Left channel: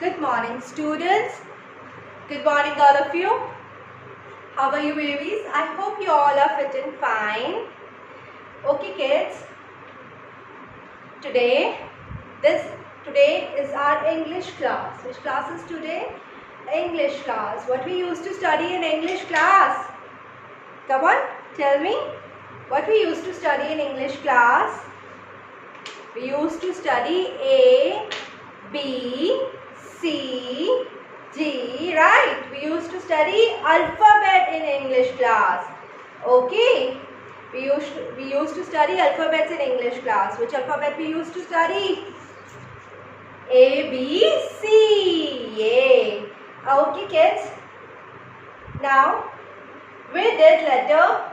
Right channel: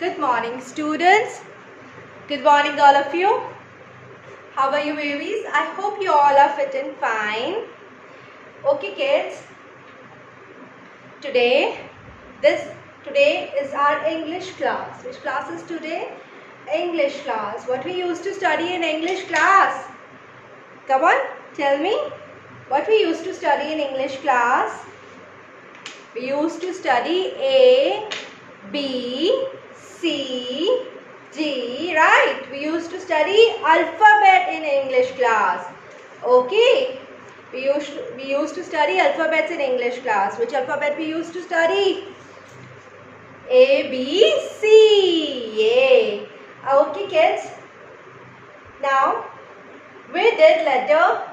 Good morning, students. Good morning, all of you. How are you, babies? I hope you all are fit and fine. Okay, kids. Today is our English class. Which class is today? English class. What we used to study in English class? Come on, tell me. What we used to study in English class? We used to study A, B, C, D, right? We used to study alphabet in English class. Okay. We used to study alphabets in English class. Which alphabet we used to study? A, B, C. Yay. Okay, kids. Now, we did letter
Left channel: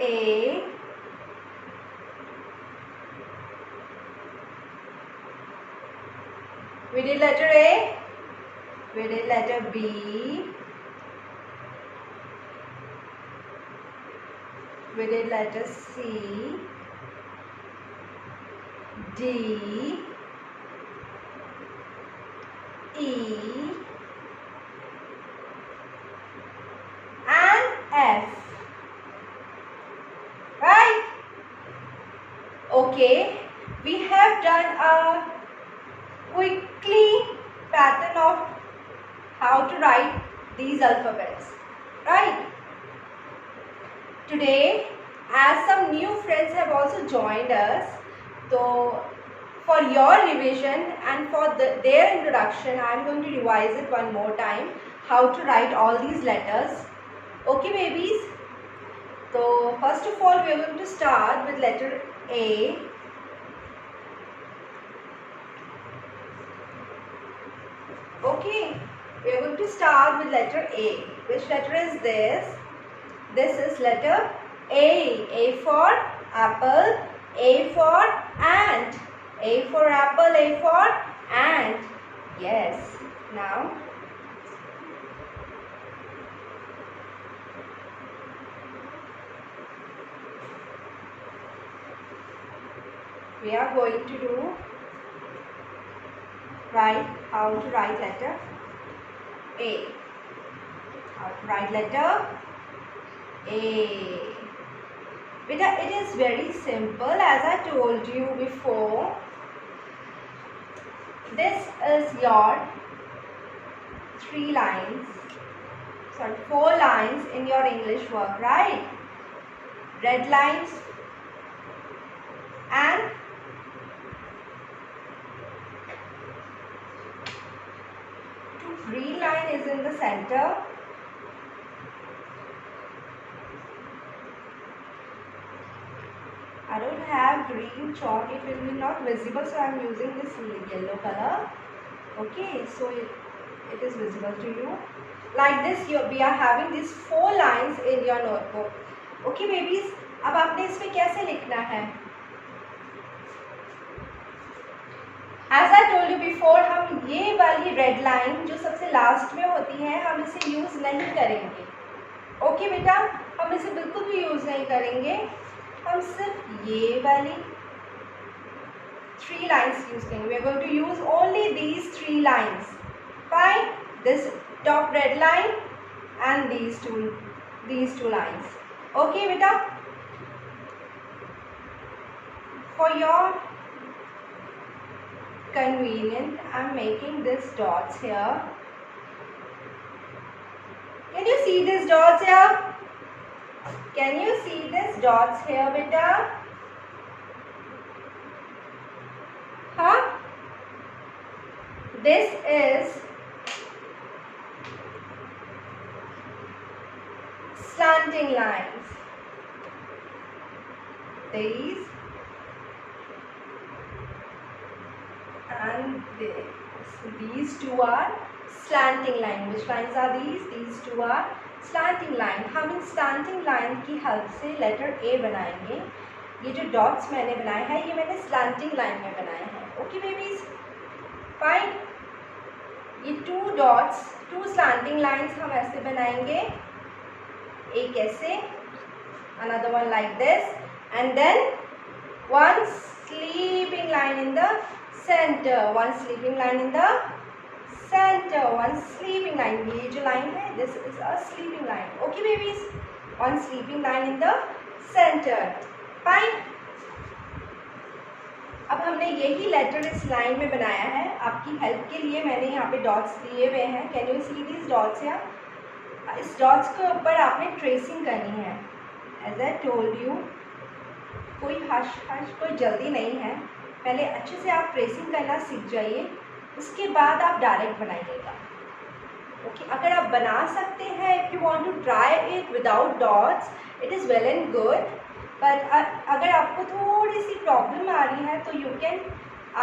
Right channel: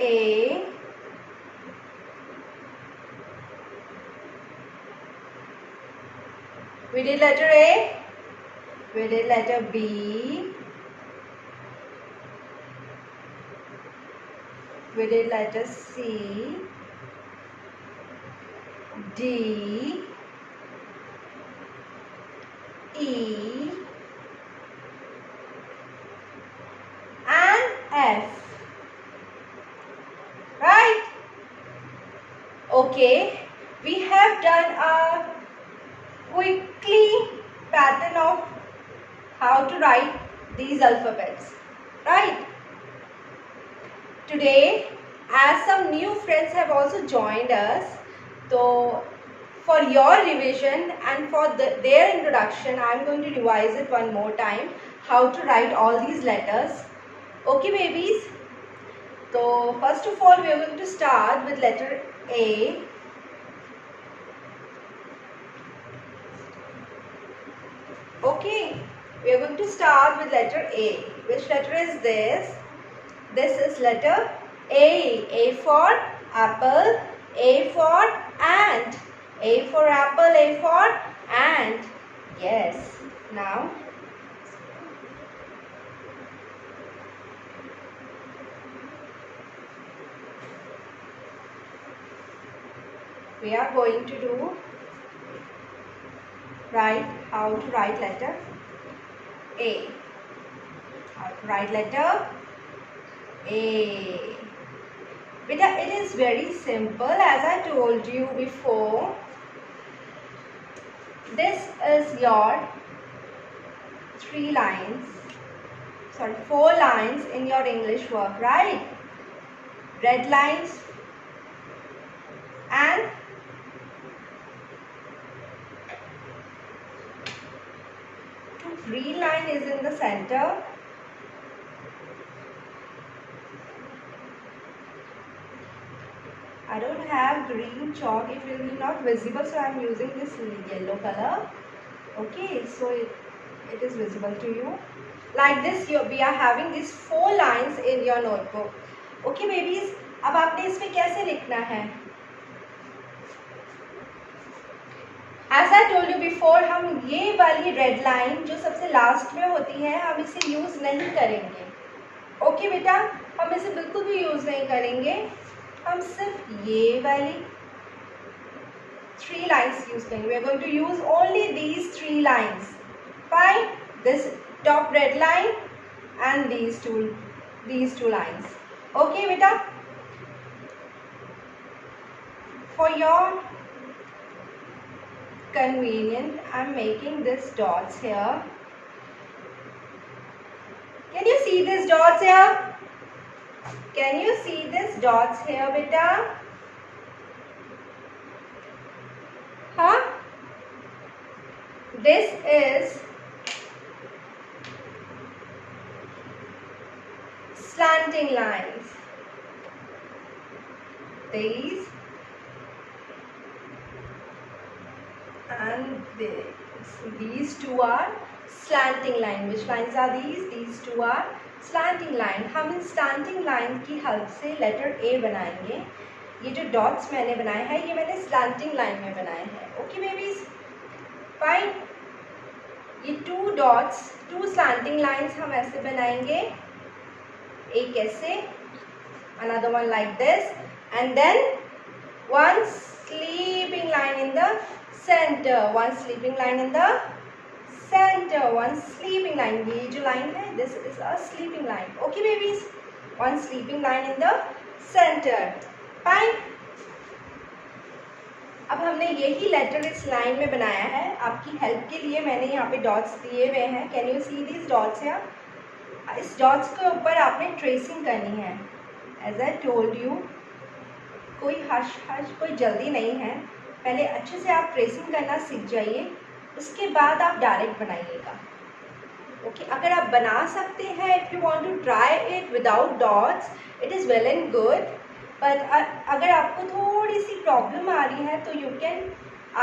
A. We did letter A. We did letter B. We did letter C, D, E, and F. Right? Okay. We have done a quickly pattern of how to write these alphabets. Right? Today, as some new friends have also joined us, so for your revision and for their introduction, I am going to revise it one more time, how to write all these letters. Okay, babies? So, first of all, we are going to start with letter A. Okay, we are going to start with letter A. Which letter is this? This is letter A. A for apple, A for ant. A for apple, A for ant. Yes. Now, we are going to how to write letter A. How to write letter A. Beta, it is very simple. As I told you before, this is your 4 lines in your English work, right? Red lines and green line is in the center. I don't have green chalk, it will be not visible, so I am using this yellow color. Okay, so it is visible to you. Like this, we are having these 4 lines in your notebook. Okay, babies, अब आपने इसमें कैसे लिखना है? As I told you before, हम ये वाली red line जो सबसे लास्ट में होती है, हम इसे यूज नहीं करेंगे. ओके बेटा, हम इसे बिल्कुल भी यूज नहीं करेंगे. हम सिर्फ ये वाली 3 lines यूज करेंगे. We are going to use only these 3 lines. Fine. This top red line and these two lines. Okay, beta. For your convenience, I am making these dots here. Can you see these dots here? Can you see these dots here, beta? Huh? This is slanting lines. These and this. These two are slanting line. Which lines are these? These two are slanting line. हम इन slanting line की help से letter A बनाएंगे. ये जो dots मैंने बनाए हैं, ये मैंने slanting line में बनाए हैं. Okay, babies? Fine. ये 2 dots, 2 slanting lines हम ऐसे बनाएंगे. एक ऐसे, another one like this, and then one sleeping line in the center, one sleeping line in the center, one sleeping line. ये जो line है, this is a sleeping line. Okay babies, one sleeping line in the center. Fine. अब हमने यही letter इस line में बनाया है. आपकी हेल्प के लिए मैंने यहाँ पे डॉट्स दिए हुए हैं. Can you see these dots? या इस डॉट्स के ऊपर आपने ट्रेसिंग करनी है. एज आई टोल्ड यू, कोई हश कोई जल्दी नहीं है. पहले अच्छे से आप ट्रेसिंग करना सीख जाइए, उसके बाद आप डायरेक्ट बनाइएगा. ओके, अगर आप बना सकते हैं, if you want to try it without dots, it is well and good. पर अगर आपको थोड़ी सी प्रॉब्लम आ रही है तो you can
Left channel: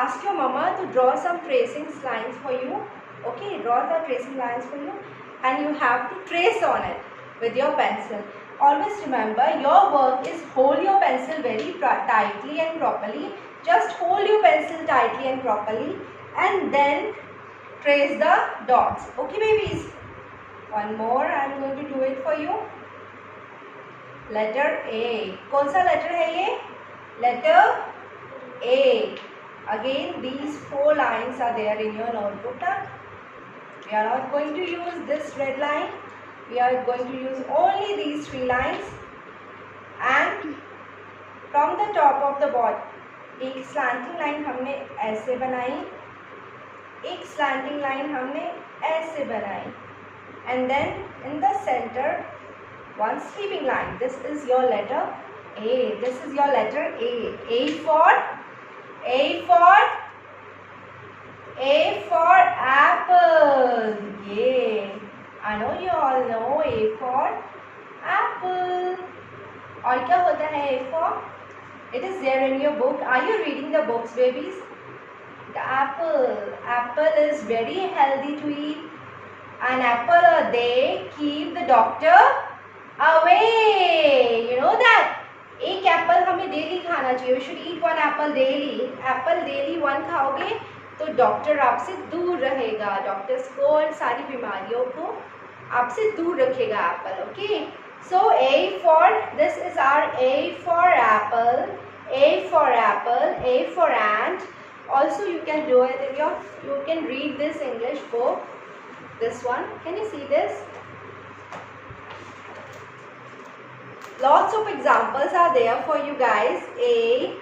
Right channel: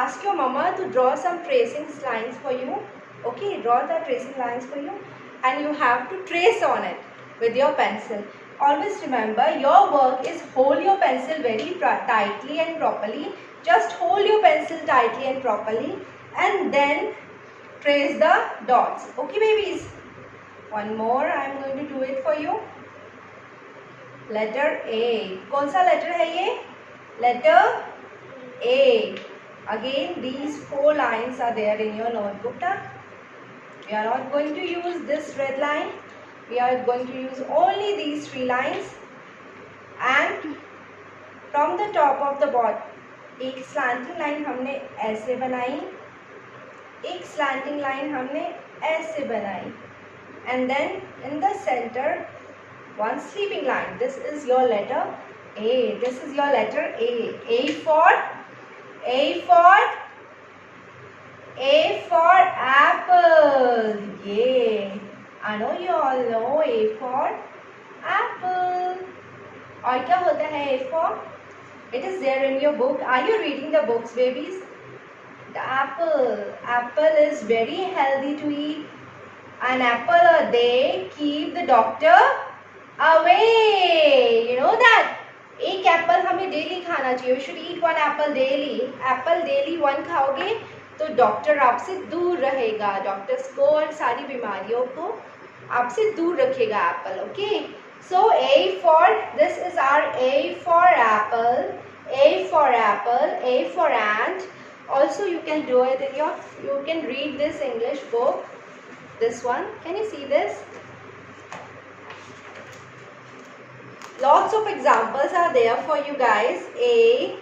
ask your mama to draw some tracing lines for you. Okay, draw the tracing lines for you and you have to trace on it with your pencil. Always remember, your work is hold your pencil very tightly and properly. Just hold your pencil tightly and properly and then trace the dots. Okay babies, one more I am going to do it for you. Letter A. कौन सा letter है ये? Letter A. Again these 4 lines are there in your notebook. We are not going to use this red line. We are going to use only these 3 lines. And from the top of the board, एक slanting line हमने ऐसे बनाई, एक slanting line हमने ऐसे बनाई, and then in the center one sleeping line. This is your letter A. This is your letter A. A for apple. Yeah, I know you all know A for apple. और क्या होता है A for? It is there in your book. Are you reading the books, babies? The apple is very healthy to eat. An apple a day keep the doctor away. You know that? एक Apple हमें daily खाना चाहिए. You should eat 1 apple daily. Apple daily 1 खाओगे तो doctor आपसे दूर रहेगा. Doctors को और सारी बीमारियों को आपसे दूर रखेगा Apple. Okay, so A for, this is our A for apple. A for apple. A for ant. Also you can do it in your, you can read this English book. This one, can you see this? Lots of examples are there for you guys. A,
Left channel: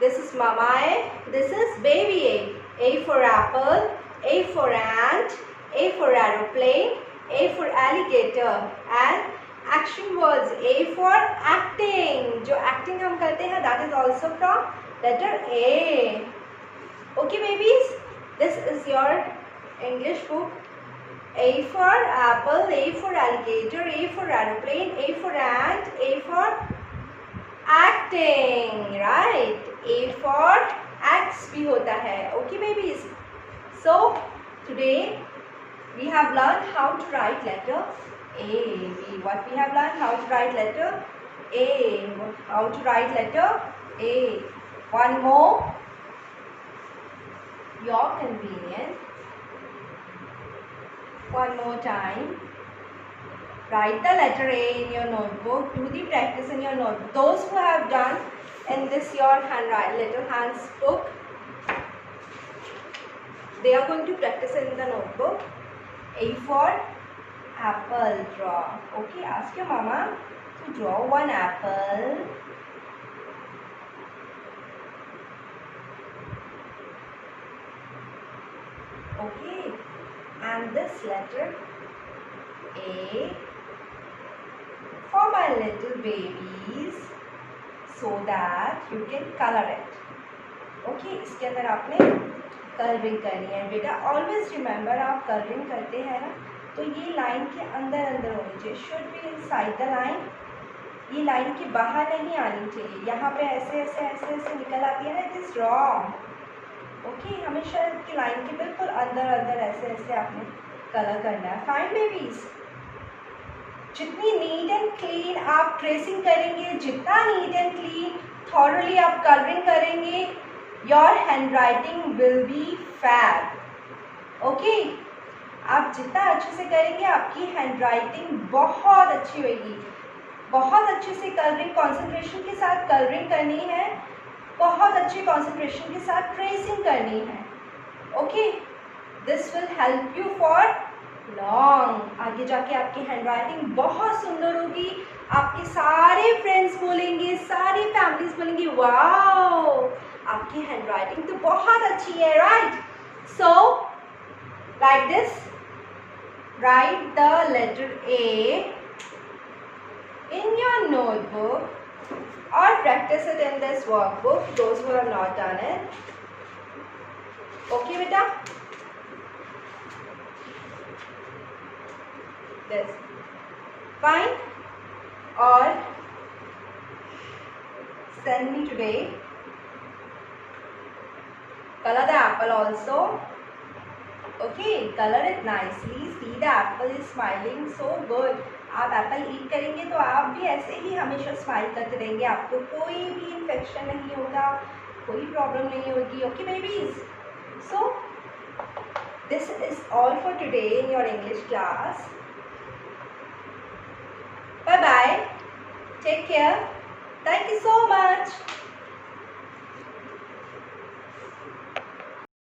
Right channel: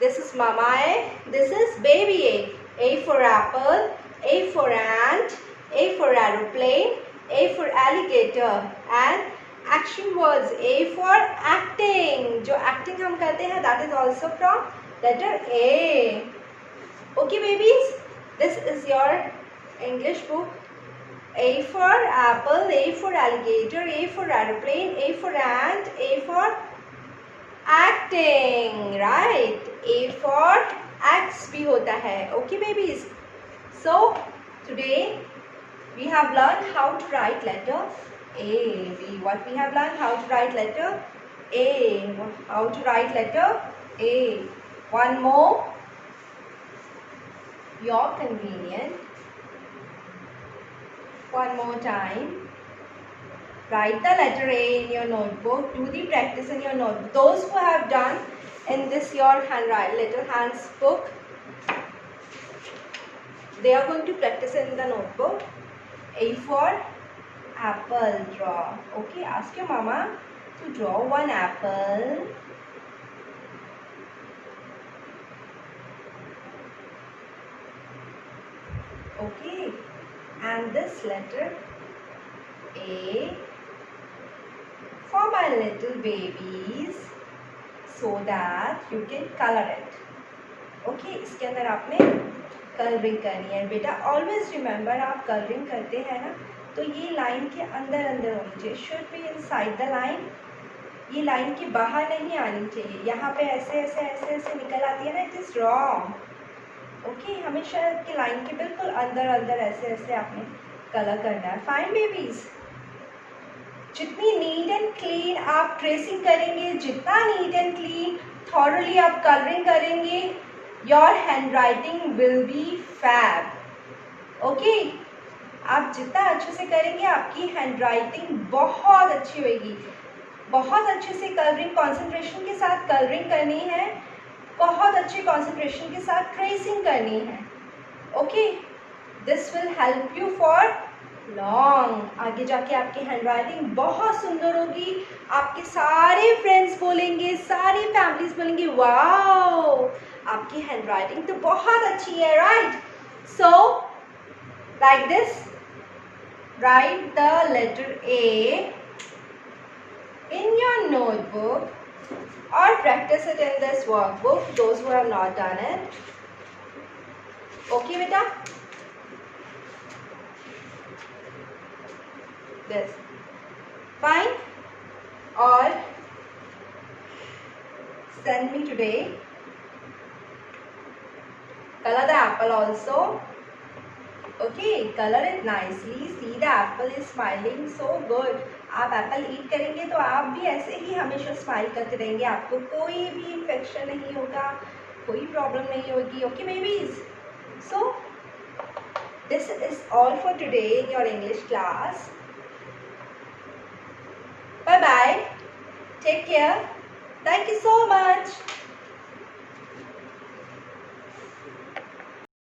this is mama A, this is baby A. A for apple, A for ant, A for aeroplane, A for alligator. And action words, A for acting. जो acting हम करते हैं, that is also from letter A. Okay babies, this is your English book. A for apple, A for alligator, A for aeroplane, A for ant, A for acting, right? A for axe भी होता है. Okay babies, so today we have learned how to write letter A. What we have learned? How to write letter A. How to write letter A. One more, your convenience. One more time, write the letter A in your notebook. Do the practice in your notebook. Those who have done in this your handwriting little hands book, they are going to practice in the notebook. A for apple, draw. Okay, ask your mama to draw 1 apple. Okay, and this letter A for my little babies, so that you can color it. Okay, इसके अंदर आपने colouring करनी है. बेटा always remember, आप colouring करते हैं ना, तो ये लाइन के अंदर अंदर होनी चाहिए. Should be inside the line. ये लाइन के बाहर नहीं आनी चाहिए. यहाँ पे ऐसे ऐसे ऐसे ऐसे निकल आती है ना, इट इज़ रॉन्ग. ओके, हमेशा की लाइन के बिल्कुल अंदर अंदर ऐसे ऐसे आपने कलर करना है. फाइन बेबीज, जितनी नीट एंड क्लीन आप ट्रेसिंग करेंगे, जितना नीट एंड क्लीन थॉरली आप कलरिंग करेंगे, your handwriting will be fab. Okay, आप जितना अच्छे से करेंगे आपकी हैंड राइटिंग बहुत अच्छी होगी. बहुत अच्छे से कलरिंग, कॉन्सेंट्रेशन के साथ कलरिंग करनी है. बहुत अच्छे कॉन्सेंट्रेशन के साथ ट्रेसिंग करनी है. Okay, this will help you for long. आगे जाके आपकी हैंड राइटिंग बहुत सुंदर होगी. आपके सारे फ्रेंड्स बोलेंगे, सारी फैमिलीज बोलेंगे, वाओ आपकी हैंड राइटिंग तो बहुत अच्छी है. Right, so like this, write the letter A in your notebook or practice it in this workbook, those who have not done it. Okay beta, this fine. Or send me today color the apple also. Okay, color it nicely. See the apple is smiling so good. आप Apple ईट करेंगे तो आप भी ऐसे ही हमेशा smile करते रहेंगे. आपको कोई भी इन्फेक्शन नहीं होगा, कोई प्रॉब्लम नहीं होगी. Okay babies, so this is all for today in your English class. Bye bye, take care, thank you so